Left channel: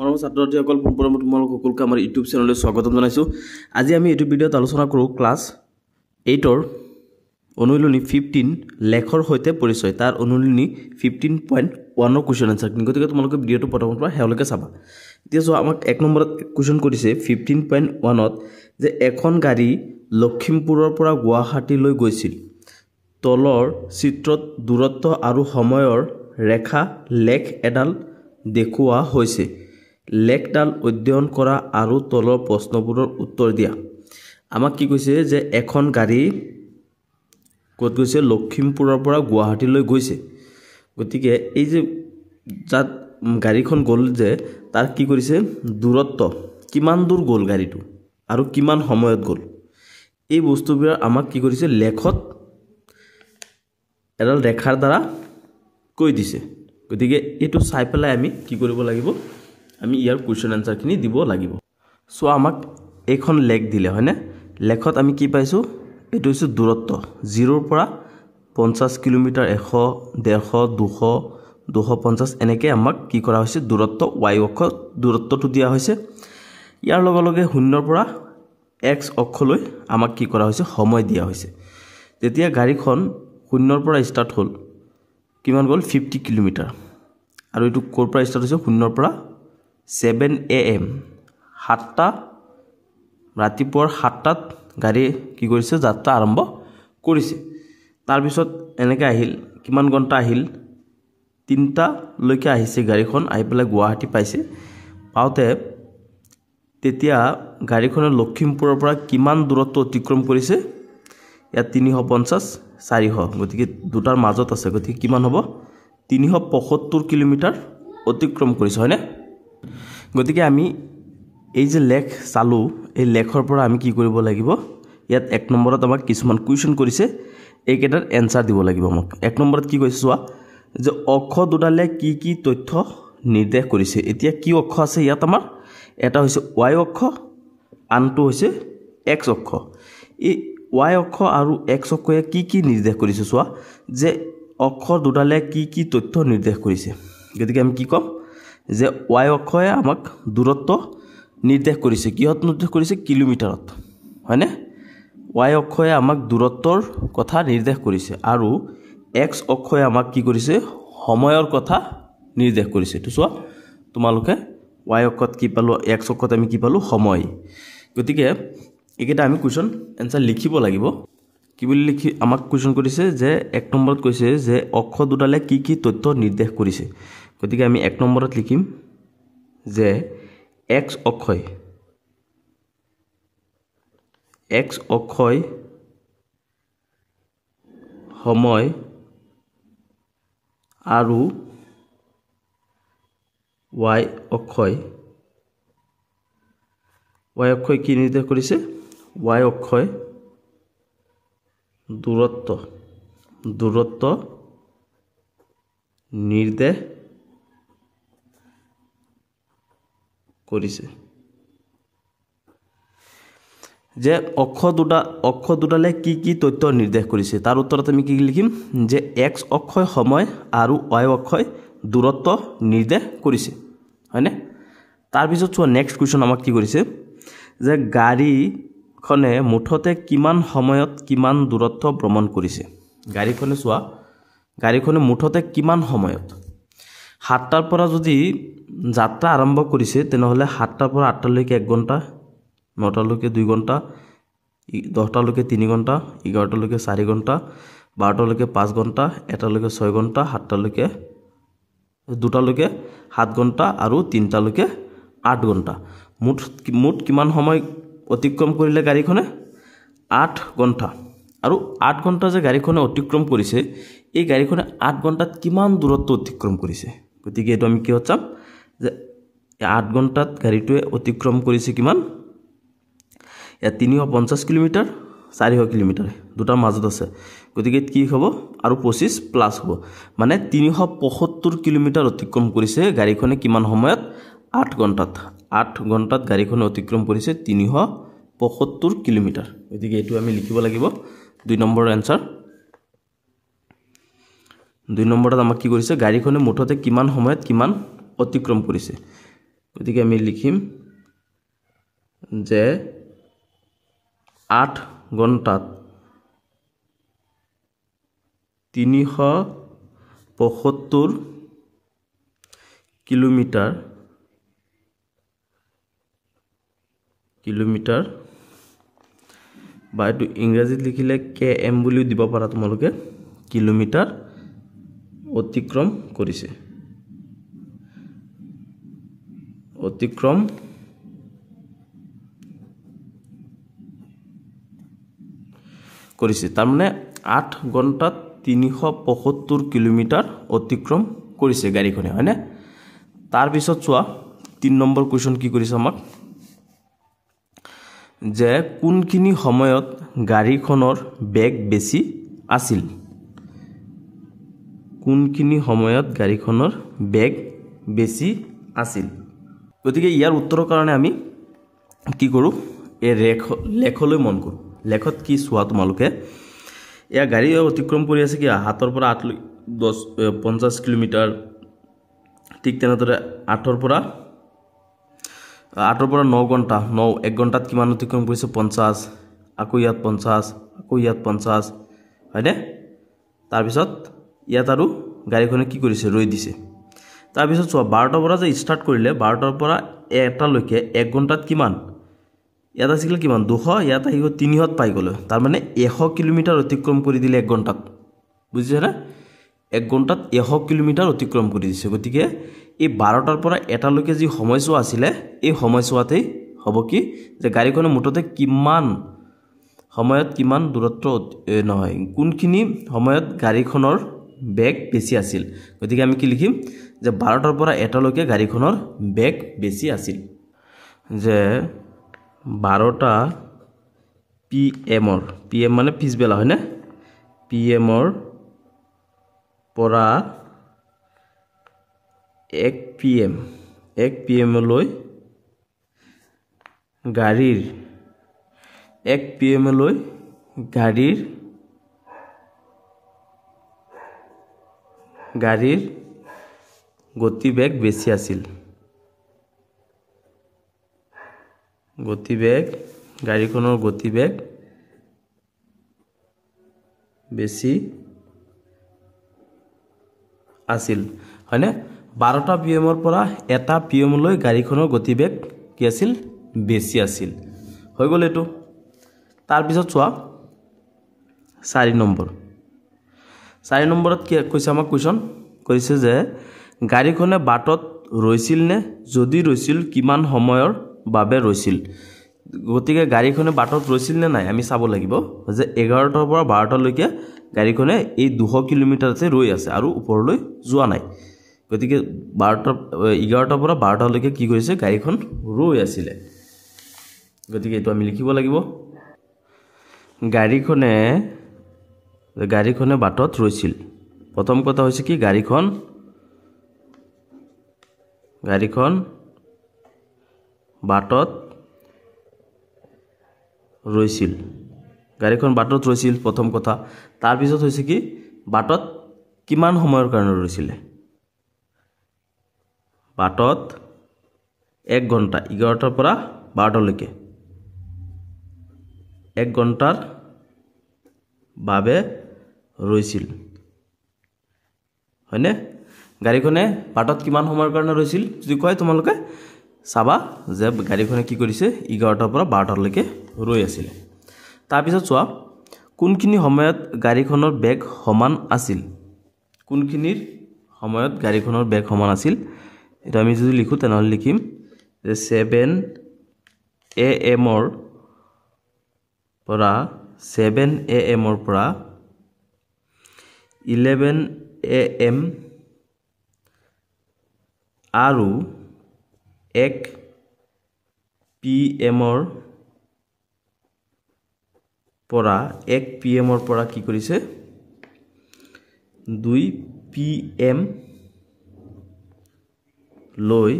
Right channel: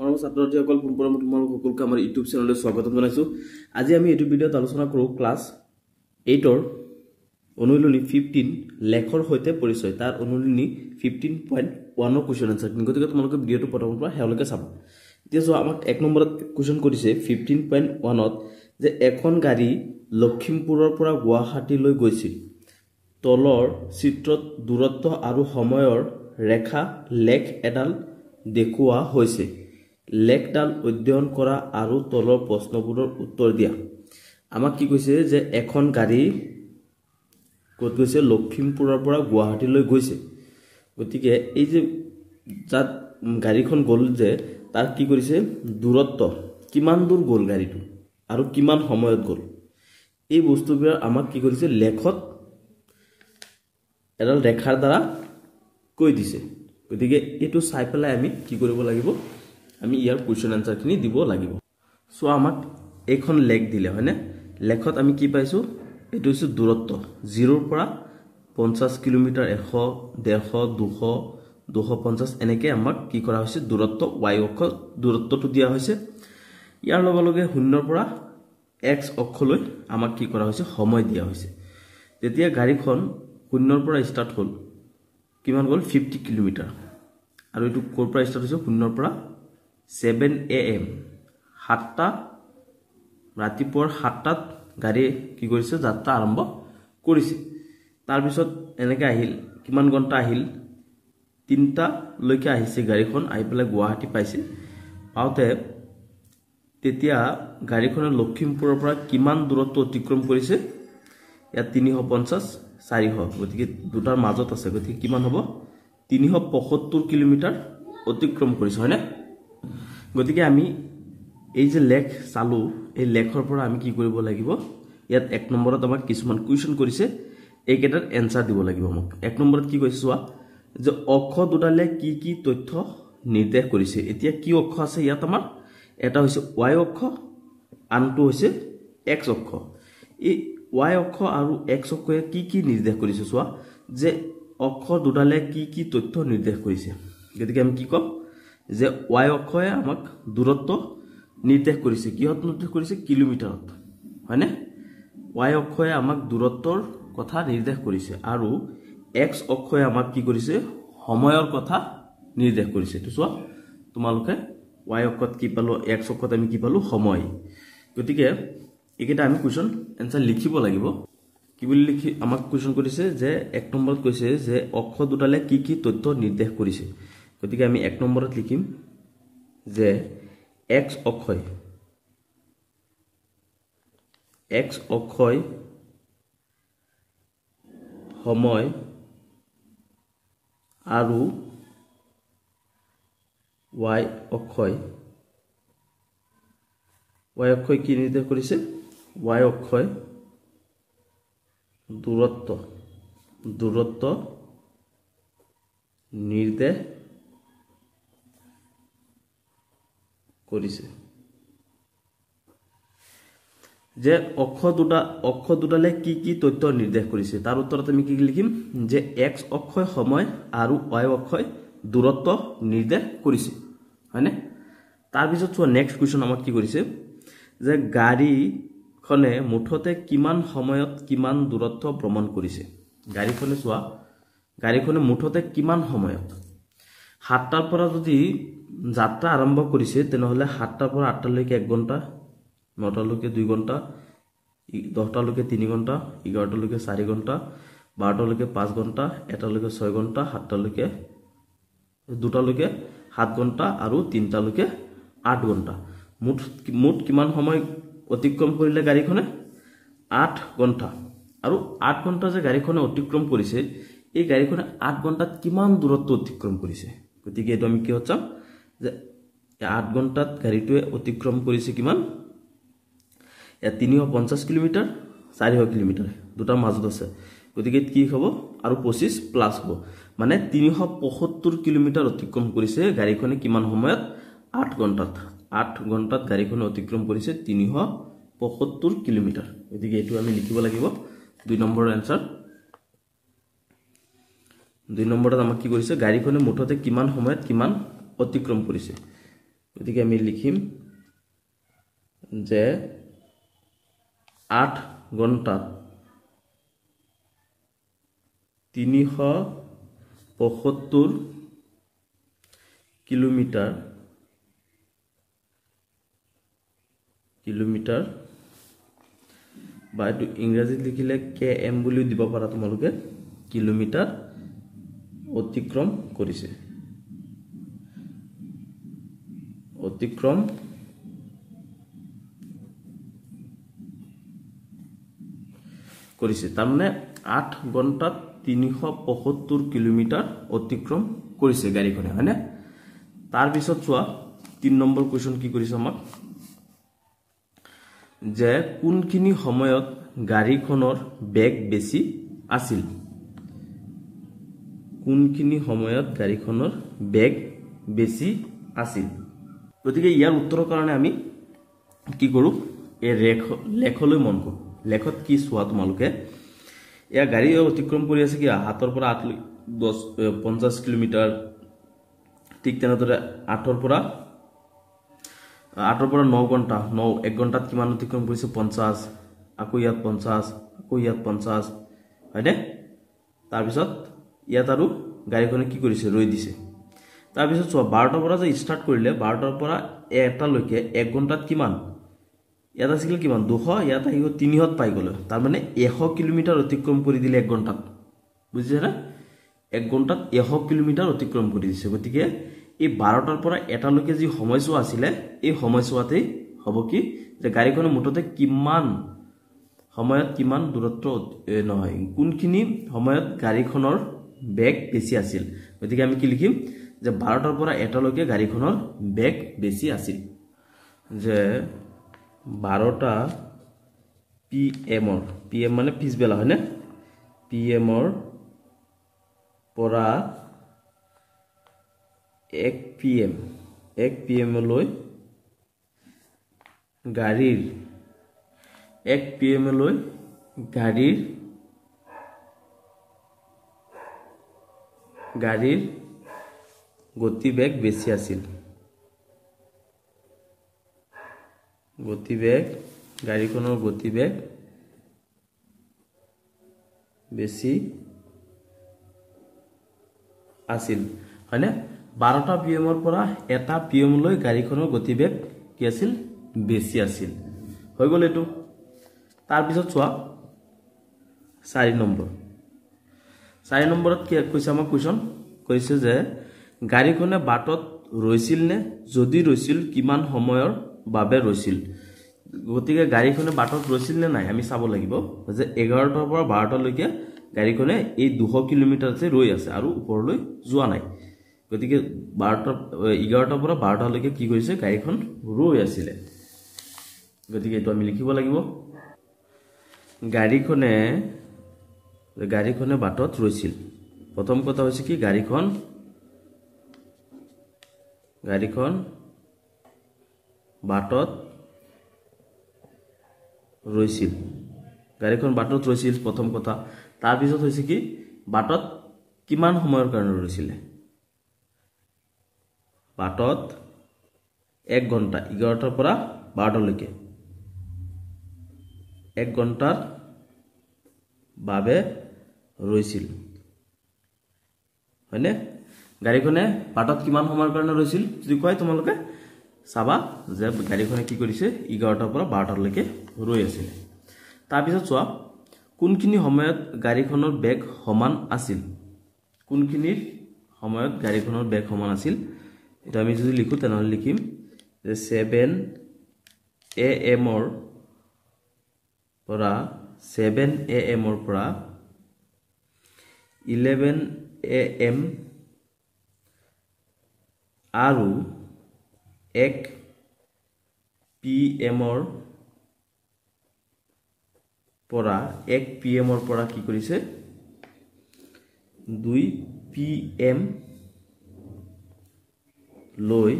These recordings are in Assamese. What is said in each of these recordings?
মৰমৰ ছাত্ৰ-ছাত্ৰীসকল পুনৰবাৰ তোমালোক সকলোকে আমাৰ ইউটিউব চেনেললৈ স্বাগতম জনাইছো। আজি আমি এইটো ভিডিঅ'ত আলোচনা কৰোঁ ক্লাছ 8ৰ অনুশীলনী 15 লেখৰ সৈতে পৰিচয়। তাৰ অনুশীলনী 15.1 ৰ কোৱেশ্চন আনসাৰ। গতিকে তোমালোকে ভিডিঅ'টো প্ৰথমৰ পৰা শেষলৈকে চাবা। এতিয়া চোৱা, আমাক এক নম্বৰত কোৱেশ্চন কৰিছে 15.1ত যে এখন গাড়ী লখিমপুৰৰ পৰা গুৱাহাটীলৈ গৈছিল। তলৰ চিত্ৰত দূৰত্ব আৰু সময়ৰ ৰেখা লেখ এডাল দেখুওৱা হৈছে। লেখডাল অধ্যয়ন কৰা আৰু তলৰ প্ৰশ্নবোৰৰ উত্তৰ দিয়া। আমাক কি কৈছে যে এখন গাড়ী ক'ত গৈছে? লখিমপুৰৰ পৰা গুৱাহাটীলৈ গৈছে। গতিকে এই যে যাত গাড়ীখন গ'ল যে তাৰ কি কৰিছে? দূৰত্ব কিমান দূৰ গ'ল গাড়ীটো আৰু কিমান সময়ত গ'ল, এই বস্তুবোৰ আমাক কি কৰিছে? লেখত এডাল ৰেখাৰ দ্বাৰা কৈ দিছে। গতিকে এইটো চাই পেলাই আমি কি কৰিব লাগিব? আমি ইয়াৰ কোৱেশ্চন আনসাৰখিনি দিব লাগিব। সো আমাক এইখন লেখ দিলে হয়নে? লেখত আমি কি পাইছোঁ? এইটো হৈছে দূৰত্ব 0ৰ পৰা 50 কিলোমিটাৰ, 100, 150, 200, 250 এনেকৈ আমাক কি কৰা হৈছে? দূৰত্ব y অক্ষ দূৰত্বটো দিয়া হৈছে। ইয়াৰ লগে লগে 0ৰ পৰা x অক্ষলৈ আমাক কি কৰা হৈছে? সময় দিয়া হৈছে। যেতিয়া গাড়ীখন 0ৰ পৰা ষ্টাৰ্ট হ'ল, কিমান গ'ল? 50 কিলোমিটাৰ। আৰু এইটো ক'ৰ পৰা ষ্টাৰ্ট হৈছে? 0ৰ পৰা 7 AM, 7টা ৰাতিপুৱাৰ 7টাত গাড়ী কি কৰিছে? যাত্ৰা আৰম্ভ কৰিছে। তাৰপিছত এনেকৈ আহিল, কিমান ঘণ্টা আহিল? 3টালৈকে আহিছে গাড়ীখন, আহি পেলাই গুৱাহাটী পাইছে। পাওঁতে তেতিয়া গাড়ীখনে লখিমপুৰৰ পৰা কিমান দূৰত্ব অতিক্ৰম কৰিছে? ইয়াত 350, 400, গতিকে দুটাৰ মাজত আছে। গতিকে কিমান হ'ব? 375 কিলোমিটাৰ অতিক্ৰম কৰিছে হয়নে? গতিকে আমি এই যে লেখ চালোঁ, এই লেখৰ পৰা আমি কি কৰিব লাগিব? ইয়াত এক নম্বৰত আমাক কিছুমান কুৱেশ্যন কৰিছে, এইকেইটাৰ এনসাৰ দিব লাগিব আমাক। এক নম্বৰত কি কৈছে চোৱা, যে অক্ষ দুডালে কি কি তথ্য নিৰ্দেশ কৰিছে। এতিয়া কি অক্ষ আছে ইয়াত? আমাৰ এটা হৈছে y অক্ষ, আনটো হৈছে x অক্ষ। এই y অক্ষ আৰু x অক্ষয়ে কি কি নিৰ্দেশ কৰিছে চোৱা, যে অক্ষ দুডালে কি কি তথ্য নিৰ্দেশ কৰিছে। গতিকে আমি কি ক'ম? যে y অক্ষয়ে আমাক দূৰত্ব নিৰ্দেশ কৰিছে। কিহত নিৰ্দেশ কৰিছে? কিলোমিটাৰত হয়নে? y অক্ষয়ে আমাক দূৰত্বৰ কথা নিৰ্দেশ কৰিছে আৰু x অক্ষয়ে আমাক কি কৰিছে? সময়ৰ কথা নিৰ্দেশ কৰিছে। এইটো চোৱা তোমালোকে, y অক্ষত কি পালোঁ? x অক্ষত আমি কি পালোঁ? সময়। গতিকে এইকেইটা আমি কুৱেশ্যন এনসাৰ লিখিব লাগিব। কি বুলি লিখি আমাক কুৱেশ্যন কৰিছে? যে এক নম্বৰত কৈছে যে অক্ষ দুডালে কি কি তথ্য নিৰ্দেশ কৰিছে। গতিকে আমি এক নম্বৰত লিখিম যে x অক্ষয় সময় আৰু y অক্ষয় কি নিৰ্দেশ কৰিছে? y অক্ষয় দূৰত্ব নিৰ্দেশ কৰিছে। যে অক্ষ দুডালে কি কি তথ্য নিৰ্দেশ কৰিছে, তাৰ উত্তৰত আমি কি লিখিম? যে x অক্ষয় সময় আৰু y অক্ষয় দূৰত্ব নিৰ্দেশ কৰিছে হয়নে? তাৰপিছত চোৱা, নেক্সট কুৱেশ্যন আমাক কি কৰিছে? যে গাড়ীখনে মুঠতে কিমান সময়ত কিমান দূৰত্ব ভ্ৰমণ কৰিছে। গাড়ীখনে চোৱা, গাড়ীখনে মুঠতে কিমান সময়ত, 7টাৰ পৰা যদি যাত্ৰা আৰম্ভ কৰিছে তেনেহ'লে 7টাৰ পৰা 8টালৈকে 1 ঘণ্টা, 9টালৈকে 2 ঘণ্টা, 10টালৈকে 3 ঘণ্টা, 11টালৈকে 4 ঘণ্টা, 12টালৈকে 5 ঘণ্টা, 1টালৈকে 6 ঘণ্টা, 7টালৈকে 2টালৈকে 7 ঘণ্টা আৰু 3টালৈকে 8 ঘণ্টা। মুঠ কিমান সময় অতিক্ৰম কৰিলে গাড়ীখনে? 8 ঘণ্টা। আৰু 8 ঘণ্টা যে গাড়ীখনে অতিক্ৰম কৰিছে, এই গাড়ীখনে 8 ঘণ্টাত কিমান দূৰত্ব অতিক্ৰম কৰিছে। গতিকে এইটো আমি কিহত চাম? যে 8 ঘণ্টাত গাড়ীটোৱে অতিক্ৰম কৰিছে কিমান? ইয়াত 350 কিলোমিটাৰ, 400 কিলোমিটাৰ, দুটাৰ মাজত আছে। গতিকে কি হ'ব? আৰু 25 প্লাছ হ'ব, মানে 375 কিলোমিটাৰ অতিক্ৰম কৰিছে গাড়ীখনে কিমান সময়ত? 8 ঘণ্টাত। 8 ঘণ্টাত গাড়ীখনে অতিক্ৰম কৰিছে 375 কিলোমিটাৰ। গতিকে এইটো আমি লিখিব লাগিব 2 নম্বৰৰ এনসাৰ। 2 নম্বৰত আমাক কি কৰিছে? গাড়ীখনে মুঠতে কিমান সময়ত কিমান অতিক্ৰম কৰিছে। গতিকে আমি লিখিম যে 8 ঘণ্টাত 375 কিলোমিটাৰ বা এইটো ইংৰাজীত লিখিলে km বুলিও দিব পাৰা তোমালোকে কিলোমিটাৰ অতিক্ৰম কৰিছে তাৰ মানে 8 ঘণ্টাত 375 কিলোমিটাৰ অতিক্ৰম কৰিছে গাড়ীখনে হয়নে তাৰ পিছত চোৱা 3 নম্বৰ কোৱেশ্চন কি কৰিছে আমাক যে কোনখিনি সময়ত গাড়ীখনৰ বেগ বেছি আছিল কোনখিনি সময়ত গাড়ীখনৰ বেগ বেছি আছিল গতিকে ইয়াৰ উত্তৰৰ কাৰণে আমি কি কৰো এই লেখলৈ মন কৰো লেখত কি চোৱা তোমালোকে এয়া গাড়ী অতিক্ৰম কৰি আছে কি হাতৰ পৰা 50 কিলোমিটাৰ ঠিক তেনেদৰে 8 পৰা 9 ঘণ্টা 1 ঘণ্টাত কিমান অতিক্ৰম কৰিছে 50 আকৌ ইয়াত 50 আকৌ ইয়াত 50 হয়নে তাৰ পিছত ইয়াত আৰু গাড়ীখনে কি কৰিছে ৰৈ দিছে তাৰ পিছত চোৱা 12টা পৰা যে ষ্টাৰ্ট কৰিলে 12টাৰ পৰা 1টা লৈকে 1 ঘণ্টাত কিমান ইয়াত আছিল কিমান 200 ইয়াত আহিব 300 পাই গলে তাৰ মানে 100 কিলোমিটাৰ অতিক্ৰম কৰি দিলে 1 ঘণ্টাত বুজিছে না 1 ঘণ্টাত 100 কিলোমিটাৰ অতিক্ৰম কৰি দিছে গতিকে এই 12টাৰ পৰা 1টা লৈকে যি সময়ছোৱা আছিল এই সময়ছোৱাতেই হ'ব কি যে গাড়ীখনে মুঠতে কিমান সময়ত কিমান দূৰত্ব নহয় কোনখিনি সময়ত গাড়ীখনৰ বেগ বেছি আছিল গতিকে আমি কি লিখিম যে 12টাৰ পৰা 1টা লৈকে গাড়ীখনৰ বেগ বেছি আছিল যে 12টা PM মানে পিছবেলা হয়নে PM পৰা 1 PM লৈ গাড়ীৰ 1 PM লৈ গাড়ীৰ গতিবেগ বেছি আছিল গাড়ীখনৰ গতিবেগ বেছি আছিল হয়নে 12টা PM পৰা 1টা PM লৈ গাড়ীখনৰ গতিবেগ কি আছিল বেছি আছিল হৈ গ'ল এটো তাৰ পিছত চোৱা 4 নম্বৰত কি কৈছে আমাক কোৱেশ্চন কৈছে যে গাড়ীখনে বাটত ৰৈছিল নে যদি ৰৈছিল কিমান সময়ৰ বাবে ৰৈছিল গতিকে গাড়ীখনে বাটত ৰৈছিল নে নাই আমি চাব লাগিব যে 11টাৰ পৰা 12টা লৈকে গাড়ীখনে এই 200 কিলোমিটাৰতে ৰৈ আছে আৰু ওপৰলৈ যোৱা নাই গতিকে 11টাৰ পৰা 12টা লৈকে কি কৰিছে গাড়ীখন ৰৈ আছিল গতিকে এটো আমি লিখিব লাগিব গাড়ীখনে বাটত ৰৈছিল প্ৰথম কথা হৈছে কি গাড়ীখন বাটত ৰৈছিল প্ৰথম কথা তাৰ পিছত হৈছে কি বাটত কিমান সময়ৰ কাৰণে ৰৈছিল বাটত 1 ঘণ্টা 11টাৰ পৰা 12টা লৈকে 1 ঘণ্টাৰ বাবে ৰৈছিল হয়নে গাড়ীখনে বাটত কিমান সময়ৰ কাৰণে ৰৈছিল যদি কয় তোমালোকে চাবা যে গাড়ীখনে কি কৰিছে 11টাৰ পৰা 12টা লৈকে ৰৈ আছিল তাৰ পিছত চোৱা কোনখিনি সময়ত গাড়ীখনৰ বেগ সমান আছিল এটা আমি যদি লিখো তেনেহলে লিখিম যে 7 AM পৰা 11 AM আৰু 1 PM পৰা 1 PM পৰা কি কৰিছে 2 PM লৈ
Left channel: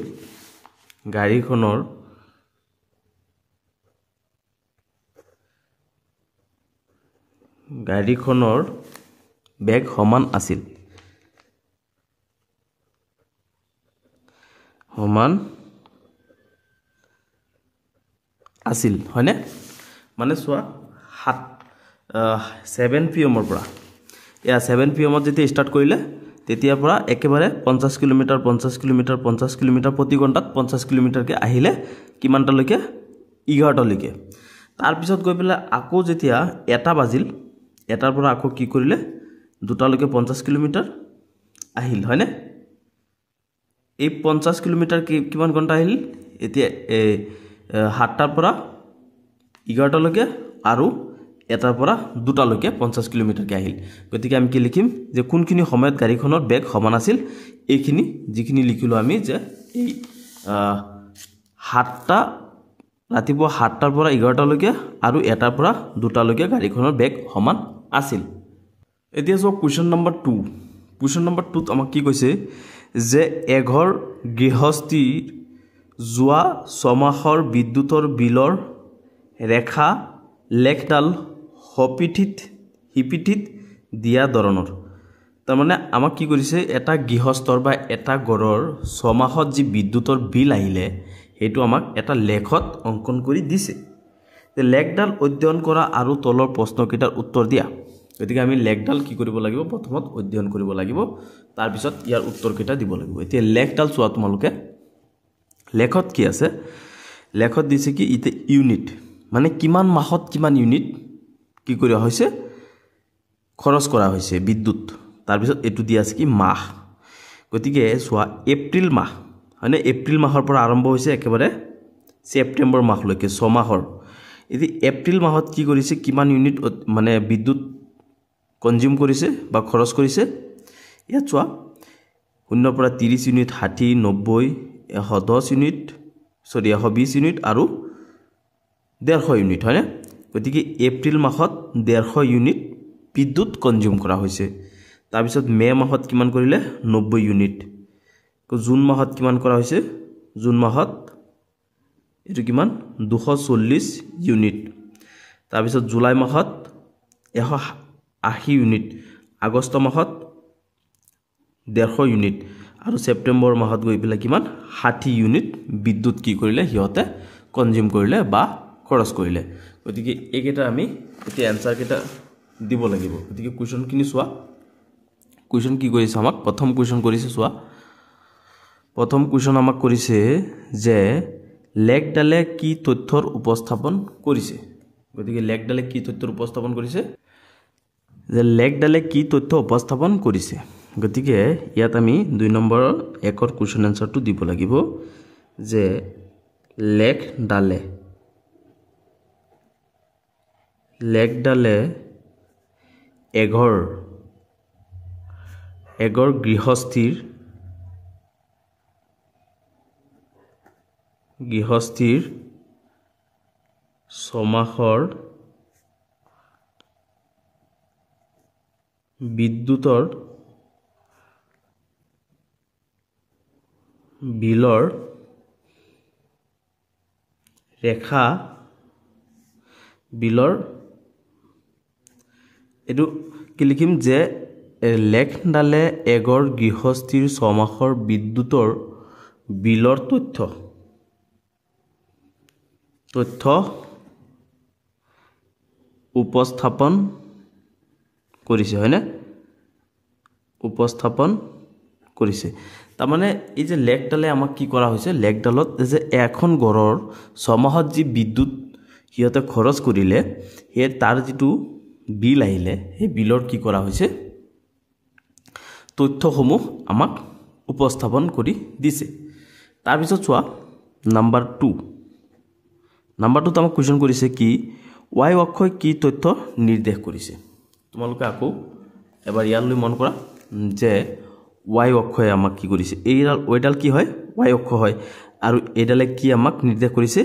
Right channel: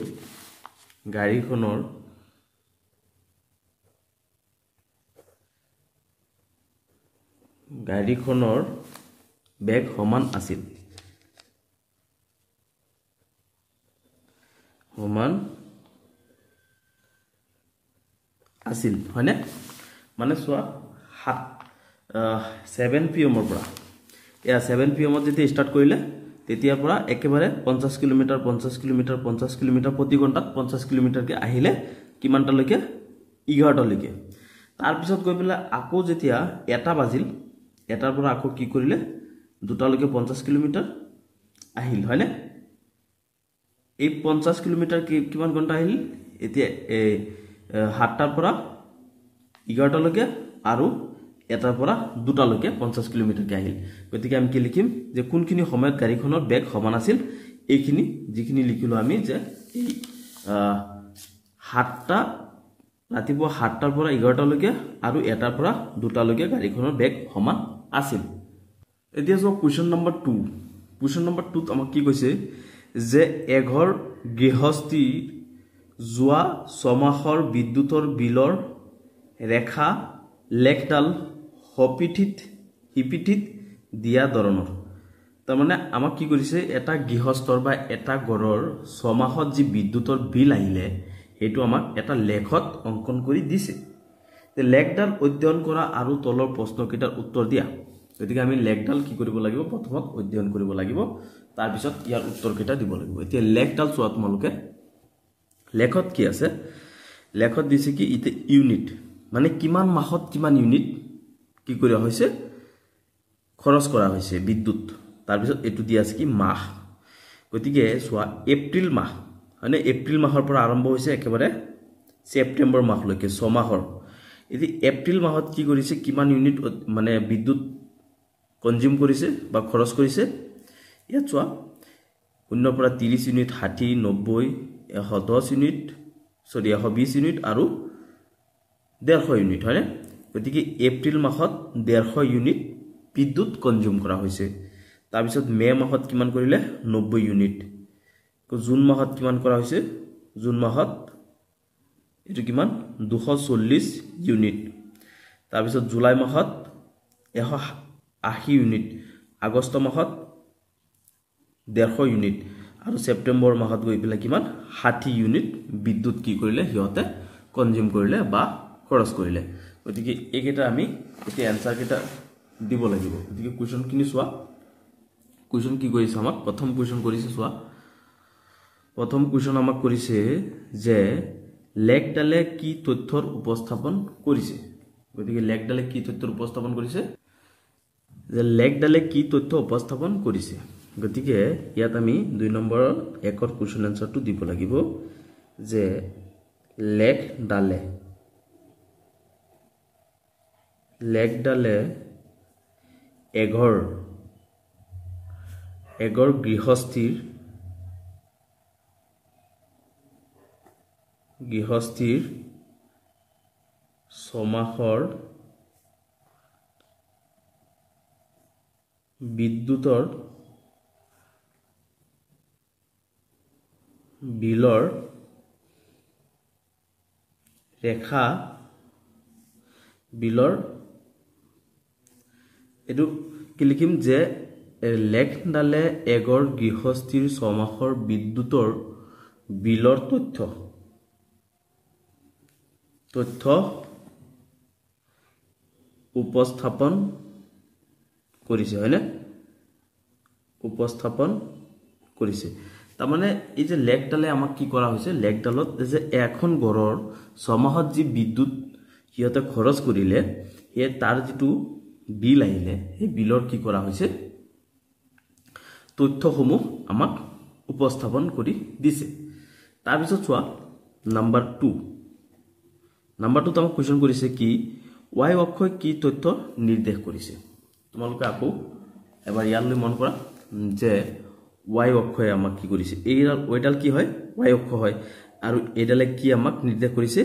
গাড়ীখনৰ বেগ সমান আছিল আছিল হয়নে মানে চোৱা 7 PM পৰা এয়া 7 PM যেতিয়া ষ্টাৰ্ট কৰিলে তেতিয়াৰ পৰা একেবাৰে 50 কিলোমিটাৰ 50 কিলোমিটাৰ 50 কিলোমিটাৰ প্ৰতি ঘণ্টাত 50 কিলোমিটাৰকে আহিলে কিমানটালৈকে 11টালৈকে তাৰ পিছত গৈ পেলাই আকৌ যেতিয়া এটা বাজিল এটাৰ পৰা আকৌ কি কৰিলে দুটালৈকে 50 কিলোমিটাৰ আহিল হয়নে এই 50 কিলোমিটাৰ কিমান ঘণ্টা আহিল এতিয়া 7টাৰ পৰা 11টালৈকে আৰু এটাৰ পৰা দুটালৈকে 50 কিলোমিটাৰকে আহিল গতিকে আমি কি লিখিম যে কোনখিনি সময়ত গাড়ীখনৰ বেগ সমান আছিল এইখিনি যিখিনি লিখিলো আমি যে এই 7টা ৰাতিপুৱা 7টাৰ পৰা 11টালৈকে আৰু এটাৰ পৰা দুটালৈকে গাড়ীখনৰ বেগ সমান আছিল এতিয়া সব কোৱেশ্চন নম্বৰ 2 কোৱেশ্চন নম্বৰ 2 ত আমাক কি কৈছে যে এঘৰ গৃহস্থীৰ যোৱা 6 মাহৰ বিদ্যুতৰ বিলৰ ৰেখা লেখডাল হিপিঠিত দিয়া ধৰণৰ তাৰ মানে আমাক কি কৰিছে এটা গৃহস্থৰ বা এটা ঘৰৰ 6 মাহত যি বিদ্যুতৰ বিল আহিলে হেতু আমাক এটা লেখত অঙ্কন কৰি দিছে তে লেখডাল অধ্যয়ন কৰা আৰু তলৰ প্ৰশ্নকেইটাৰ উত্তৰ দিয়া গতিকে আমি লেখডাল কি কৰিব লাগিব প্ৰথমত অধ্যয়ন কৰিব লাগিব তাৰ পিছত ইয়াৰ উত্তৰকেইটা দিব লাগিব এতিয়া লেখডাল চোৱা তোমালোকে লেখত কি আছে লেখত দিছে কি ইতে ইউনিট মানে কিমান মাহত কিমান ইউনিট কি কৰা হৈছে খৰচ কৰা হৈছে বিদ্যুৎ তাৰ পিছত এটু দিয়া আছে কি মাহ গতিকে চোৱা এপ্ৰিল মাহ মানে এপ্ৰিল মাহৰ পৰা আৰম্ভ হৈছে একেবাৰে সেপ্টেম্বৰ মাহলৈকে 6 মাহৰ এদি এপ্ৰিল মাহত কি কৰিছে কিমান ইউনিট মানে বিদ্যুৎ কনজিউম কৰিছে বা খৰচ কৰিছে ইয়াত চোৱা 0 পৰা 30 ইউনিট 60 90 110 ইউনিট 120 ইউনিট আৰু 150 ইউনিট হয়নে গতিকে এপ্ৰিল মাহত 150 ইউনিট বিদ্যুৎ কনজিউম কৰা হৈছে তাৰ পিছত মে মাহত কিমান কৰিলে 90 ইউনিট জুন মাহত কিমান কৰা হৈছে জুন মাহত এটো কিমান 240 ইউনিট তাৰ পিছত জুলাই মাহত 180 ইউনিট আগষ্ট মাহত 150 ইউনিট আৰু সেপ্টেম্বৰ মাহত গৈ পেলাই কিমান 60 ইউনিট বিদ্যুৎ কি কৰিলে হিয়তে কনজিউম কৰিলে বা খৰচ কৰিলে গতিকে এইকেইটা আমি এতিয়া আনসাৰ কেইটা দিব লাগিব গতিকে কোৱেশ্চন কিনি চোৱা কোৱেশ্চন কি কৰিছে আমাক প্ৰথম কোৱেশ্চন কৰিছে চোৱা প্ৰথম কোৱেশ্চন আমাক কৰিছে যে লেখডালে কি তথ্যৰ উপস্থাপন কৰিছে গতিকে লেখডালে কি তথ্যৰ উপস্থাপন কৰিছে যে লেখডালে কি তথ্য উপস্থাপন কৰিছে গতিকে ইয়াত আমি 2 নম্বৰৰ একৰ কোৱেশ্চন আনসাৰটো দিব লাগিব যে লেখডালে এঘৰ গৃহস্থীৰ 6 মাহৰ বিদ্যুতৰ বিলৰ ৰেখা বিলৰ এটো কি লিখিম যে লেখডালে এঘৰ গৃহস্থীৰ 6 মাহৰ বিদ্যুতৰ বিলৰ তথ্য উপস্থাপন কৰিছে হয়নে উপস্থাপন কৰিছে তাৰ মানে এই যে লেখডালে আমাক কি কৰা হৈছে লেখডালত যে এখন ঘৰৰ 6 মাহত যি বিদ্যুৎ হিয়তে খৰচ কৰিলে হে তাৰ যেটো বিল আহিলে এই বিলৰ কি কৰা হৈছে তথ্যসমূহ আমাক উপস্থাপন কৰি দিছে তাৰ পিছত চোৱা নাম্বাৰ 2 তো আমাক কোৱেশ্চন কৰিছে কি y অক্ষই কি তথ্য নিৰ্দেশ কৰিছে তোমালোকে আকৌ এবাৰ ইয়ালৈ মন কৰা যে y অক্ষই আমাক কি কৰিছে এইডাল ওইডাল কি হয় y অক্ষ হয় আৰু এইডালে কি আমাক নিৰ্দেশ কৰিছে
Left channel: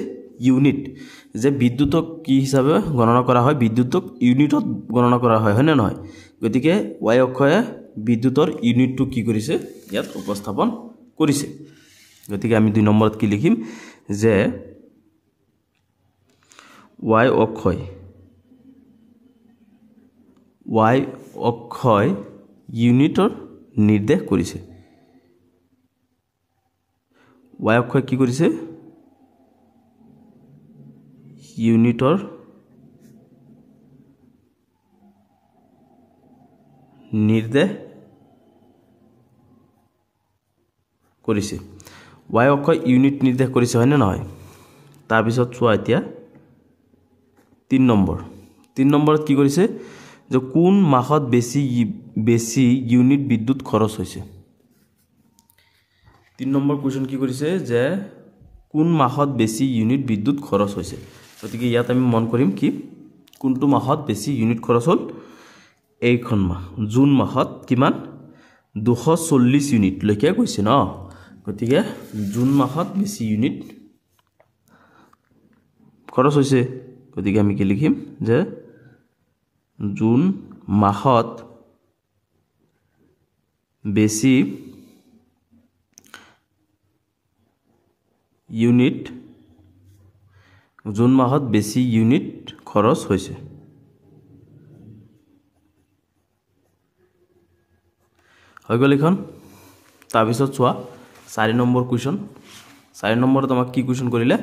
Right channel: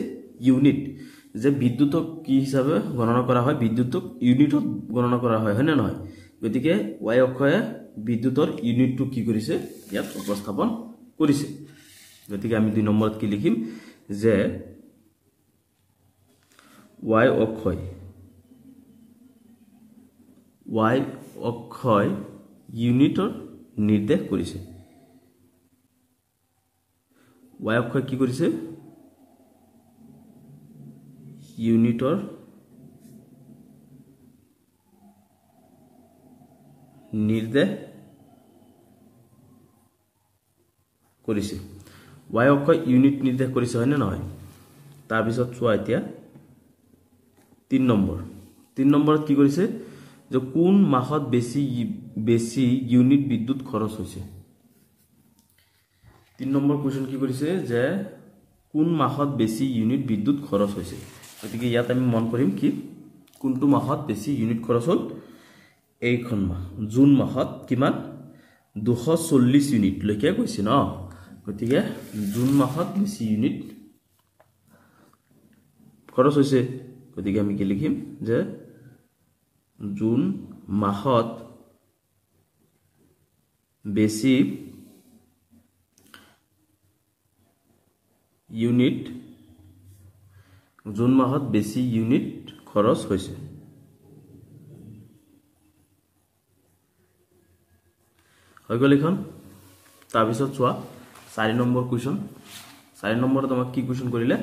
ইউনিট যে বিদ্যুৎক কি হিচাপে গণনা কৰা হয় বিদ্যুৎক ইউনিটত গণনা কৰা হয় হয়নে নহয় গতিকে y অক্ষয়ে বিদ্যুতৰ ইউনিটটো কি কৰিছে ইয়াত উপস্থাপন কৰিছে গতিকে আমি 2 নম্বৰত কি লিখিম যে y অক্ষয় ইউনিটৰ নিৰ্দেশ কৰিছে y অক্ষয় কি কৰিছে ইউনিটৰ নিৰ্দেশ কৰিছে y অক্ষই ইউনিট নিৰ্দেশ কৰিছে হয়নে নহয় তাৰ পিছত চোৱা এতিয়া 3 নম্বৰত কি কৰিছে যে কোন মাহত বেছি ইউনিট বিদ্যুৎ খৰচ হৈছে 3 নম্বৰ কোৱেশ্চন কি কৰিছে যে কোন মাহত বেছি ইউনিট বিদ্যুৎ খৰচ হৈছে গতিকে ইয়াত আমি মন কৰিম কি কোনটো মাহত বেছি ইউনিট খৰচ হ'ল এইখন মাহ জুন মাহত কিমান 240 ইউনিট লৈকে কৈছে ন গতিকে জুন মাহত বেছি ইউনিট খৰচ হৈছে গতিকে আমি কি লিখিম যে জুন মাহত বেছি ইউনিট খৰচ হৈছে হৈ গ'ল এখন তাৰপিছত চোৱা 4 নম্বৰ কুৱেশ্যন 4 নম্বৰত আমাক কি কুৱেশ্যন কৰিলে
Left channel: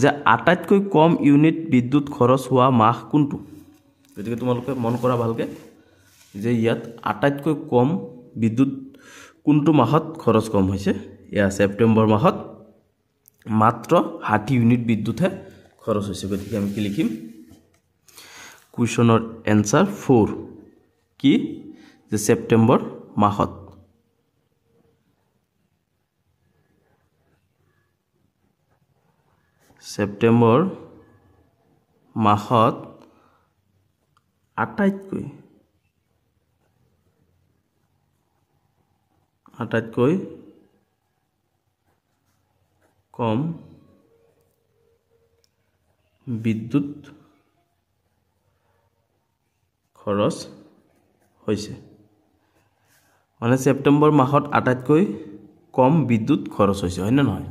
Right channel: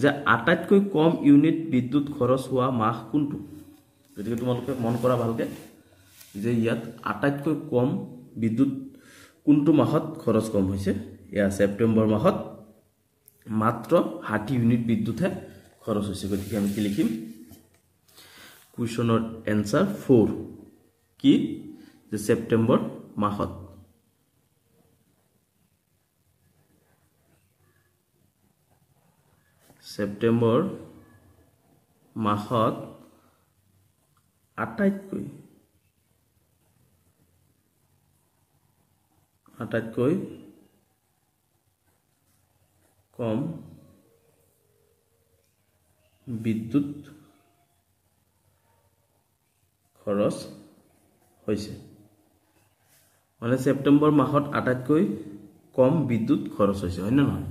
যে আটাইতকৈ কম ইউনিট বিদ্যুৎ খৰচ হোৱা মাহ কোনটো গতিকে তোমালোকে মন কৰা ভালকে যে ইয়াত আটাইতকৈ কম বিদ্যুৎ কোনটো মাহত খৰচ কম হৈছে এয়া সেপ্টেম্বৰ মাহত মাত্ৰ 60 ইউনিট বিদ্যুৎহে খৰচ হৈছে গতিকে আমি কি লিখিম কুৱেশ্যনৰ এনসাৰ 4 কি যে সেপ্টেম্বৰ মাহত সেপ্টেম্বৰ মাহত আটাইতকৈ কম বিদ্যুৎ খৰচ হৈছে মানে সেপ্টেম্বৰ মাহত আটাইতকৈ কম বিদ্যুৎ খৰচ হৈছে হয় না নহয়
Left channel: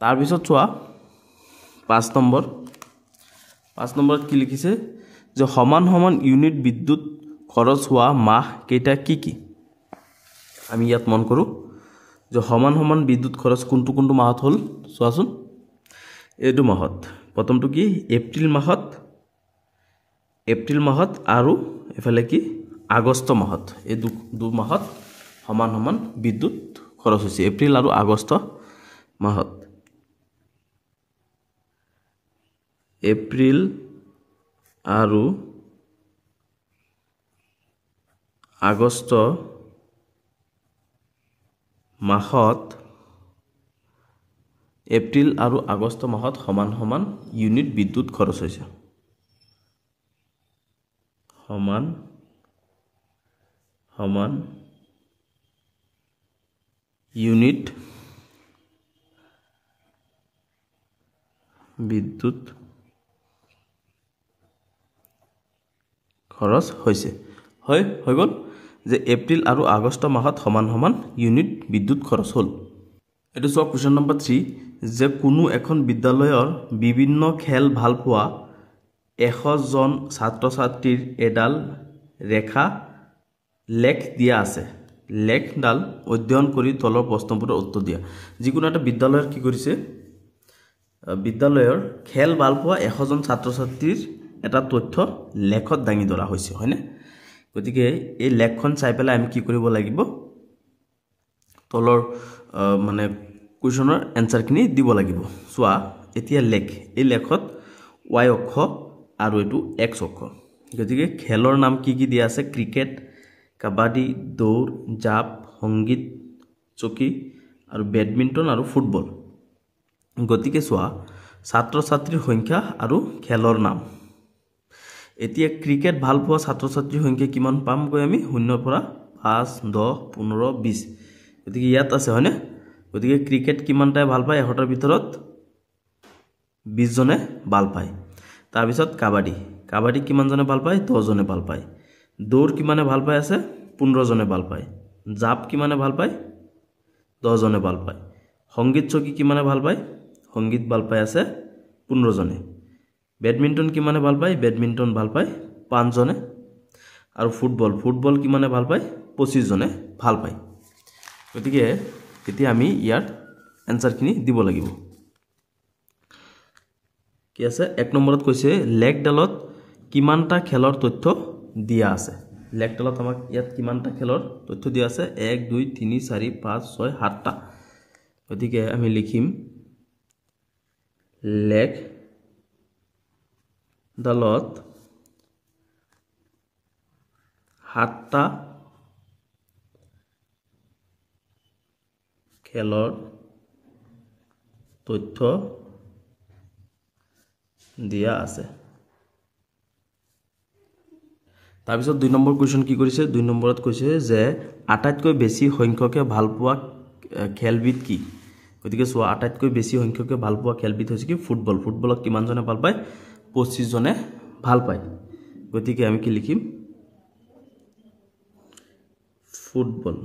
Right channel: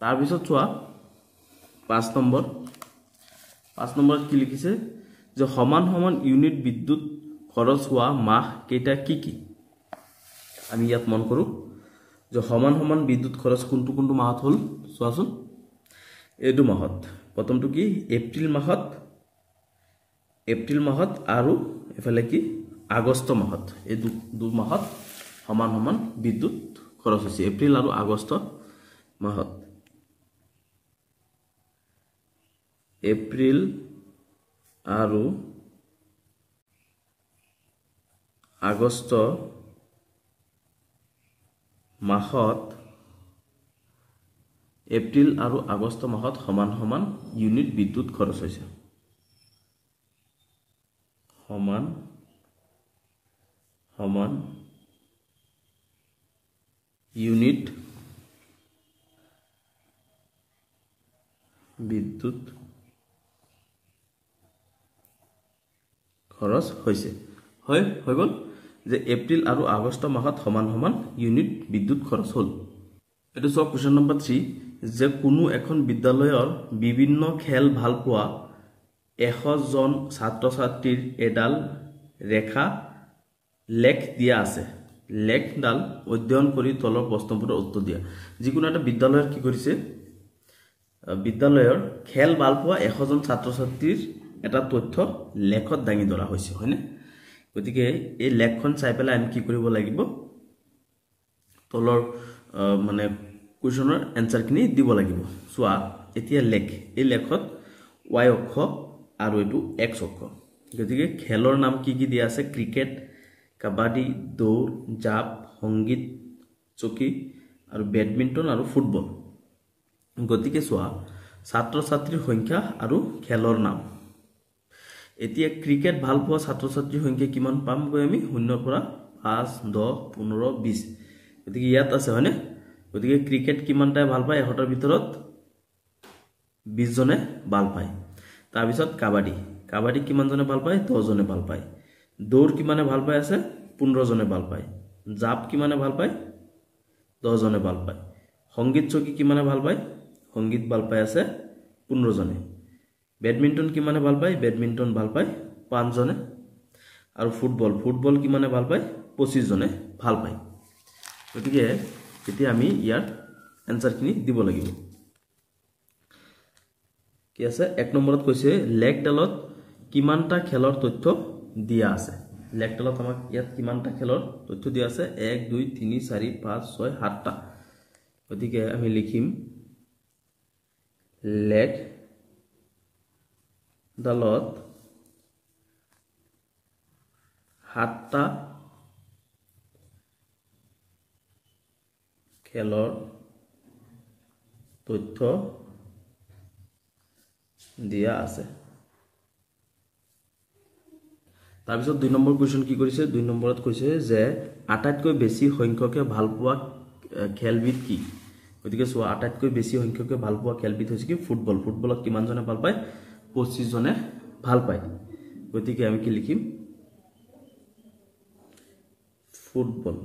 তাৰ পিছত চোৱা 5 নম্বৰত কি লিখিছে যে সমান ইউনিট বিদ্যুৎ খৰচ হোৱা মাহ কেইটা কি আমি ইয়াত মন কৰো যে সমান বিদ্যুৎ খৰচ কোনটো মাহত হল চোৱাচোন এইটো মাহত প্ৰথমটো কি এপ্ৰিল মাহত আৰু এফালে কি আগষ্ট মাহত এই দু মাহত সমান বিদ্যুৎ খৰচ হৈছে এপ্ৰিল আৰু আগষ্ট মাহত এপ্ৰিল আৰু আগষ্ট মাহত সমান ইউনিট বিদ্যুৎ খৰচ হৈছে সমান ইউনিট বিদ্যুৎ খৰচ হৈছে হৈ গ'ল যে এপ্ৰিল আৰু আগষ্ট মাহত সমান ইউনিট বিদ্যুৎ খৰচ হ'ল এটো সব কোৱেশ্চন নম্বৰ 3 যে কোনো এখন বিদ্যালয়ৰ বিভিন্ন খেল ভাল পোৱা 100 জন ছাত্ৰ-ছাত্ৰীৰ এডাল ৰেখা লেখ দিয়া আছে লেখডাল অধ্যয়ন কৰি তলৰ প্ৰশ্নবোৰৰ উত্তৰ দিয়া যিকোনো এটা বিদ্যালয়ৰ কি কৰিছে বিদ্যালয়ৰ খেল ভাল পোৱা 100 জন ছাত্ৰ-ছাত্ৰীৰ এটা তথ্য লেখত দাঙি ধৰা হৈছে হয়নে গতিকে এই লেখখন চাই পেলাই আমি কি কৰিব লাগিব তলৰ মানে কুৱেশ্যনৰ এনসাৰখিনি দিব লাগিব চোৱা এতিয়া লেখ এই লেখত y অক্ষ আৰু এটো x অক্ষ গতিকে খেলৰ নাম কি দিয়া আছে ক্ৰিকেট কাবাডী দৌৰ জাপ সংগীত চকী আৰু বেডমিন্টন আৰু ফুটবল গতিকে চোৱা ছাত্ৰ-ছাত্ৰীৰ সংখ্যা আৰু খেলৰ নাম এতিয়া ক্ৰিকেট ভাল পোৱা ছাত্ৰ-ছাত্ৰীৰ সংখ্যা কিমান পাম গৈ আমি 0 পৰা 5 10 15 20 গতিকে ইয়াত আছে হয়নে গতিকে ক্ৰিকেট কিমানটা ভাল পায় 100টাৰ ভিতৰত 20 জনে ভাল পায় তাৰ পিছত কাবাডী কিমান জনে ভাল পায় 10 জনে ভাল পায় দৌৰ কিমানে ভাল পায় আছে 15 জনে ভাল পায় জাপ কিমানে ভাল পায় 10 জনে ভাল পায় সংগীত চকী কিমানে ভাল পায় সংগীত ভাল পায় আছে 15 জনে বেডমিন্টন কিমানে ভাল পায় বেডমিন্টন ভাল পায় 5 জনে আৰু ফুটবল কিমানে ভাল পায় 25 জনে ভাল পায় গতিকে এতিয়া আমি ইয়াৰ এনসাৰখিনি দিব লাগিব কি আছে 1 নম্বৰত কৈছে লেগডালত কিমানটা খেলৰ তথ্য দিয়া আছে লেগডালত আমাক ইয়াত কিমানটা খেলৰ তথ্য দিয়া আছে 1 2 3 4 5 6 7টা গতিকে আমি লিখিম লেগডালত 7টা খেলৰ তথ্য দিয়া আছে তাৰপিছত 2 নম্বৰ কোৱেশ্চন কি কৰিছে 2 নম্বৰত কৈছে যে আটাইতকৈ বেছি সংখ্যকে ভাল পোৱা খেলবিধ কি গতিকে সো আটাইতকৈ বেছি সংখ্যকে ভাল পোৱা খেলবিধ হৈছে কি ফুটবল ফুটবলক কিমান জনে ভাল পায় 25 জনে ভাল পায় গতিকে আমি কি লিখিম ফুটবল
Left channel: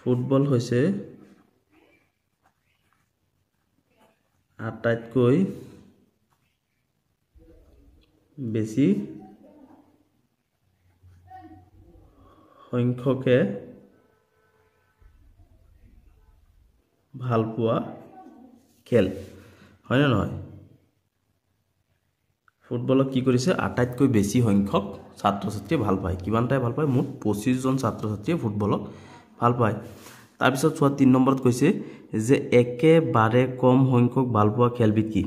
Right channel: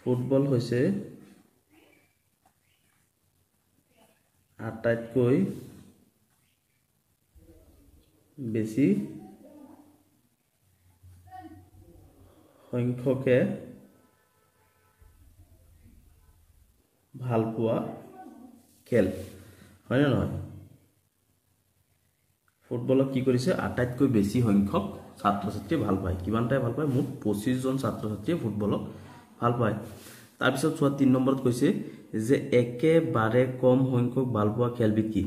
ফুটবল হৈছে আটাইতকৈ বেছি সংখ্যকে ভাল পোৱা খেল হয় না নহয় ফুটবলক কি কৰিছে আটাইতকৈ বেছি সংখ্যক ছাত্ৰ ছাত্ৰীয়ে ভাল পায় কিমানটাই ভাল পায় মুঠ 25 জন ছাত্ৰ ছাত্ৰীয়ে ফুটবলক ভাল পায় তাৰ পিছত 3 নম্বৰত কৈছে যে একেবাৰে কম সংখ্যক ভাল পোৱা খেলবিধ কি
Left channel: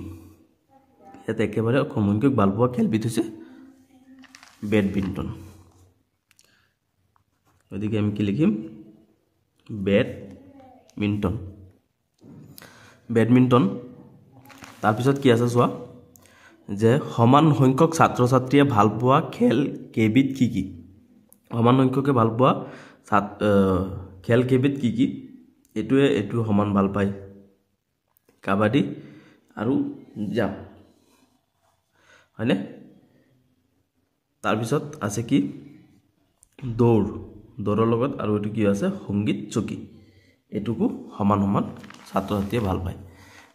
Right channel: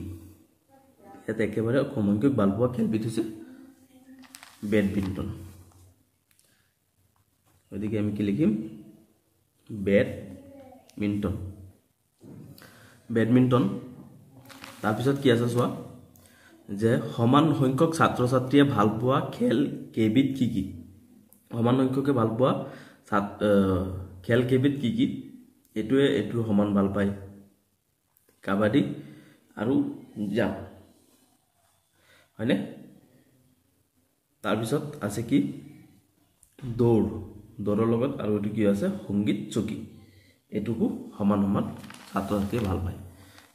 ইয়াত একেবাৰে কম সংখ্যক ভাল পোৱা খেলবিধ হৈছে বেডমিণ্টন গতিকে আমি কি লিখিম বেডমিণ্টন তাৰ পিছত কি আছে চোৱা যে সমান সংখ্যক ছাত্ৰ ছাত্ৰীয়ে ভাল পোৱা খেল কেইবিধ কি কি সমান সংখ্যকে ভাল পোৱা খেল কেইবিধ কি কি এটো সমান ভাল পায় কাবাডী আৰু জাম্প হয়নে তাৰ পিছত আছে কি দৌৰৰ লগত আৰু এটো কি আছে সংগীত চকী এটুকু সমান সমান ছাত্ৰ ছাত্ৰীয়ে ভাল পায়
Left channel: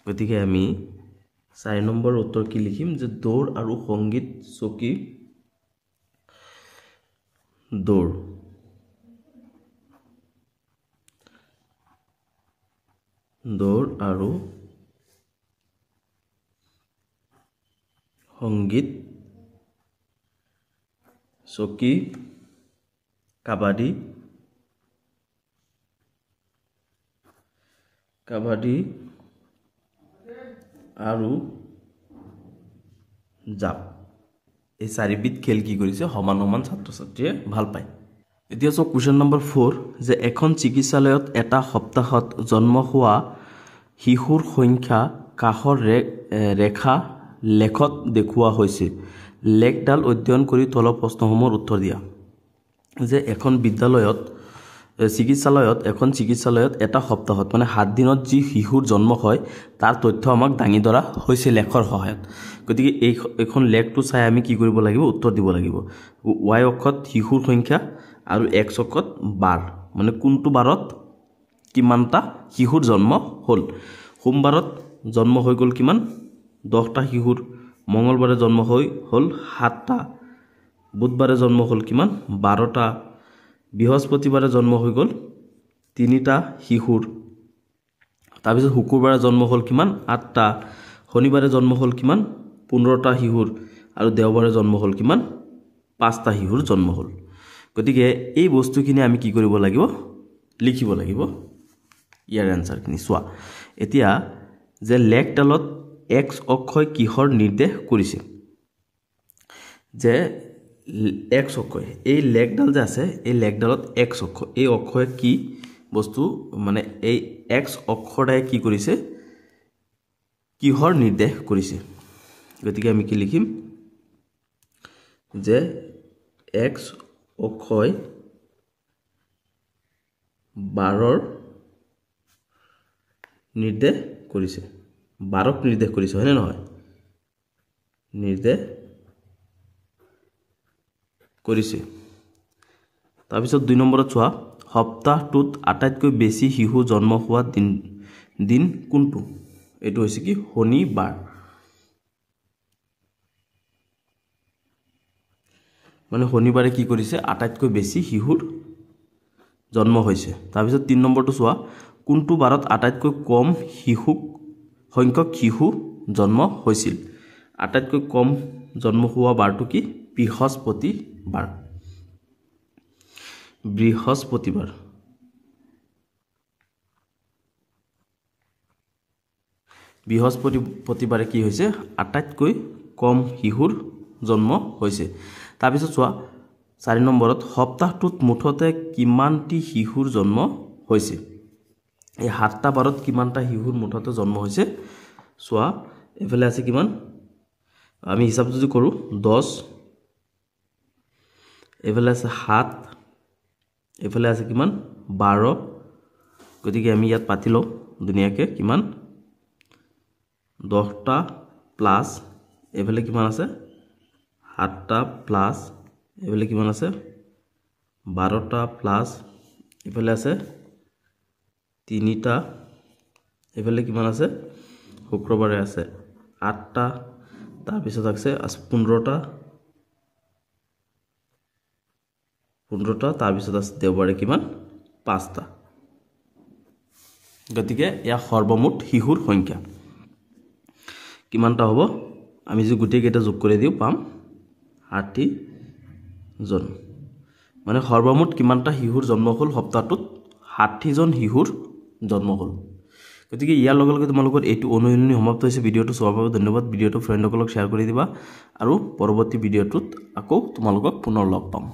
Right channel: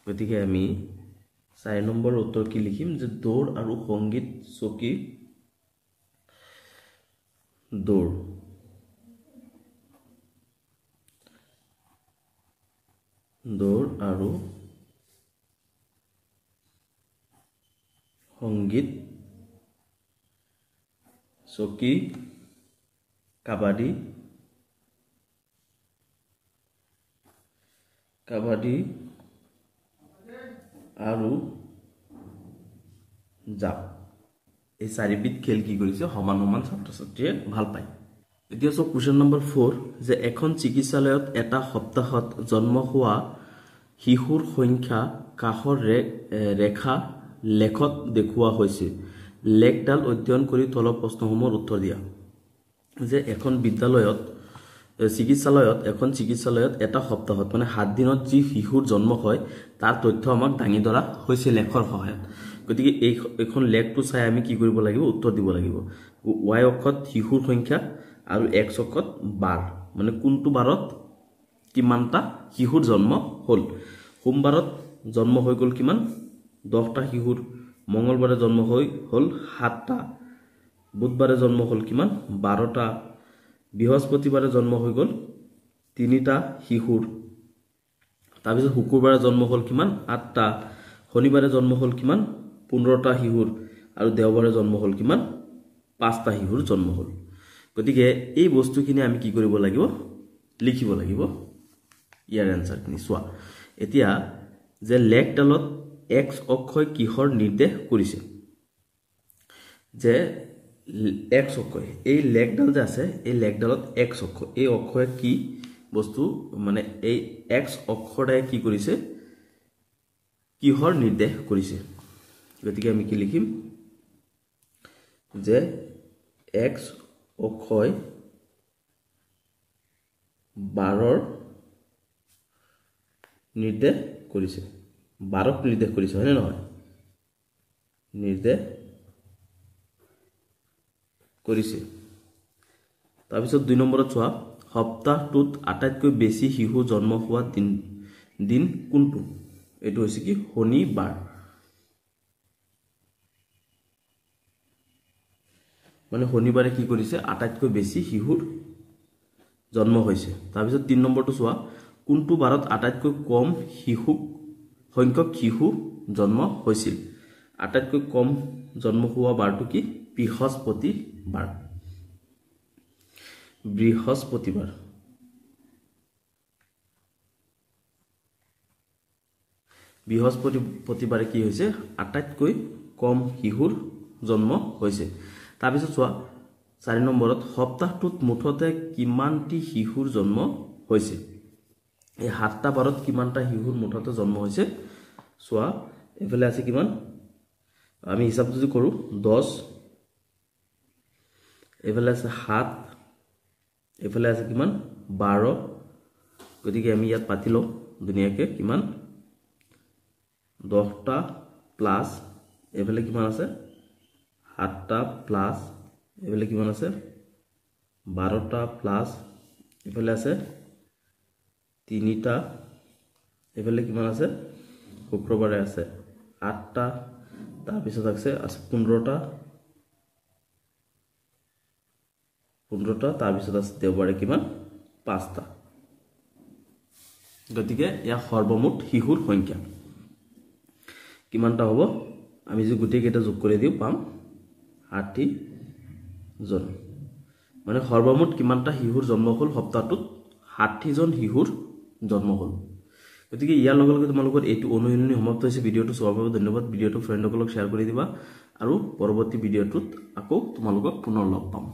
গতিকে আমি 4 নম্বৰ উত্তৰ কি লিখিম যে দৌৰ আৰু সংগীত চকী দৌৰ আৰু সংগীত চকী কাবাডী আৰু জাপ এই চাৰিবিধ খেল কি কৰিছে সমান সমান ছাত্ৰ ছাত্ৰীয়ে ভাল পায় এতিয়া সব কোৱেশ্চন নম্বৰ 4 যে এখন চিকিৎসালয়ত এটা সপ্তাহত জন্ম হোৱা শিশুৰ সংখ্যা কাহৰ ৰেখা লেখত দেখুওৱা হৈছে লেখডাল অধ্যয়ন কৰি তলৰ প্ৰশ্নসমূহৰ উত্তৰ দিয়া যে এখন চিকিৎসালয়ত এটা সপ্তাহত মানে 7 দিনত যি শিশুৰ জন্ম হয় তাৰ তথ্য আমাক দাঙি ধৰা হৈছে লেখৰ সহায়ত গতিকে এখন লেখটো চাই আমি কি কৰিব লাগিব উত্তৰ দিব লাগিব y অক্ষত শিশুৰ সংখ্যা আৰু x অক্ষত বাৰ মানে কোনটো বাৰত কিমানটা শিশুৰ জন্ম হল সোমবাৰত জন্ম হৈ গল কিমান 10টা শিশুৰ মঙ্গলবাৰে জন্ম হল 7টা বুধবাৰে জন্ম হল কিমান 12টা বৃহস্পতিবাৰে জন্ম হৈ গল 3টা শিশুৰ তাৰ পিছত শুক্ৰবাৰে জন্ম হল কিমান 8টা শনিবাৰে জন্ম হল কিমান 15টা শিশুৰ আৰু দেওবাৰে জন্ম হল কিমান 5টা শিশুৰ জন্ম হল গতিকে এই বস্তুখিনি আমি কি কৰিব লাগিব লিখিব লাগিব ইয়াৰ আনসাৰখিনি চোৱা এতিয়া যে লেখডালত x অক্ষয় কিহৰ নিৰ্দেশ কৰিছে যে x অক্ষয় এই লেখডাল যে আছে এই লেখডালত x অক্ষ এই অক্ষয় কি বস্তু মানে এই x অক্ষৰদাই কি কৰিছে কিহৰ নিৰ্দেশ কৰিছে গতিকে আমি কি লিখিম যে x অক্ষয় 12ৰ নিৰ্দেশ কৰিছে 12ক নিৰ্দেশ কৰিছে হয় নে নহয় নিৰ্দেশ কৰিছে তাৰ পিছত 2 নম্বৰত চোৱা সপ্তাহটোত আটাইতকৈ বেছি শিশু জন্ম হোৱা দিন কোনটো এটো হৈছে কি শনিবাৰ মানে শনিবাৰে কি কৰিছে আটাইতকৈ বেছি শিশুৰ জন্ম হৈছে তাৰ পিছত 3 নম্বৰটো চোৱা কোনটো বাৰত আটাইতকৈ কম সংখ্যক শিশু জন্ম হৈছিল আটাইতকৈ কম জন্ম হোৱা বাৰটো কি বৃহস্পতিবাৰ বৃহস্পতিবাৰে কি হৈছে আটাইতকৈ কম শিশুৰ জন্ম হৈছে তাৰ পিছত চোৱা 4 নম্বৰত সপ্তাহটোত মুঠতে কিমানটি শিশুৰ জন্ম হৈছে এই 7টা বাৰত কিমানটা শিশুৰ মুঠতে জন্ম হৈছে চোৱা এফালে আছে কিমান আমি হিসাব যদি কৰো 10 এফালে আছে 7 এফালে আছে কিমান 12 গতিকে আমি ইয়াত পাতি লও দুনিয়াকে কিমান 10টা প্লাস এফালে কিমান আছে 7টা প্লাস এফালে কিমান আছে 12টা প্লাস এফালে আছে 3টা এফালে কিমান আছে শুক্ৰবাৰে আছে 8টা তাৰ পিছত আছে 15টা তাৰ পিছত আছে দেওবাৰে কিমান 5টা গতিকে ইয়া সৰ্বমুঠ শিশুৰ সংখ্যা কিমানটা হ'ব আমি যে গুটেই কেইটা যোগ কৰি দিও পাম 60 জন মানে সৰ্বমুঠ কিমানটা শিশুৰ জন্ম হ'ল সপ্তাহটোত 60 জন শিশুৰ জন্ম হ'ল গতিকে ইয়াৰ লগে লগে তোমালোকৰ এইটো অনুশীলনী সমাপ্ত হৈছে ভিডিওটো চোৱাৰ বাবে ধন্যবাদ ভিডিওটো ফ্ৰেণ্ডসকলক শ্বেয়াৰ কৰি দিবা আৰু পৰৱৰ্তী ভিডিওটোত আকৌ তোমালোকক পুনৰ লগ পাম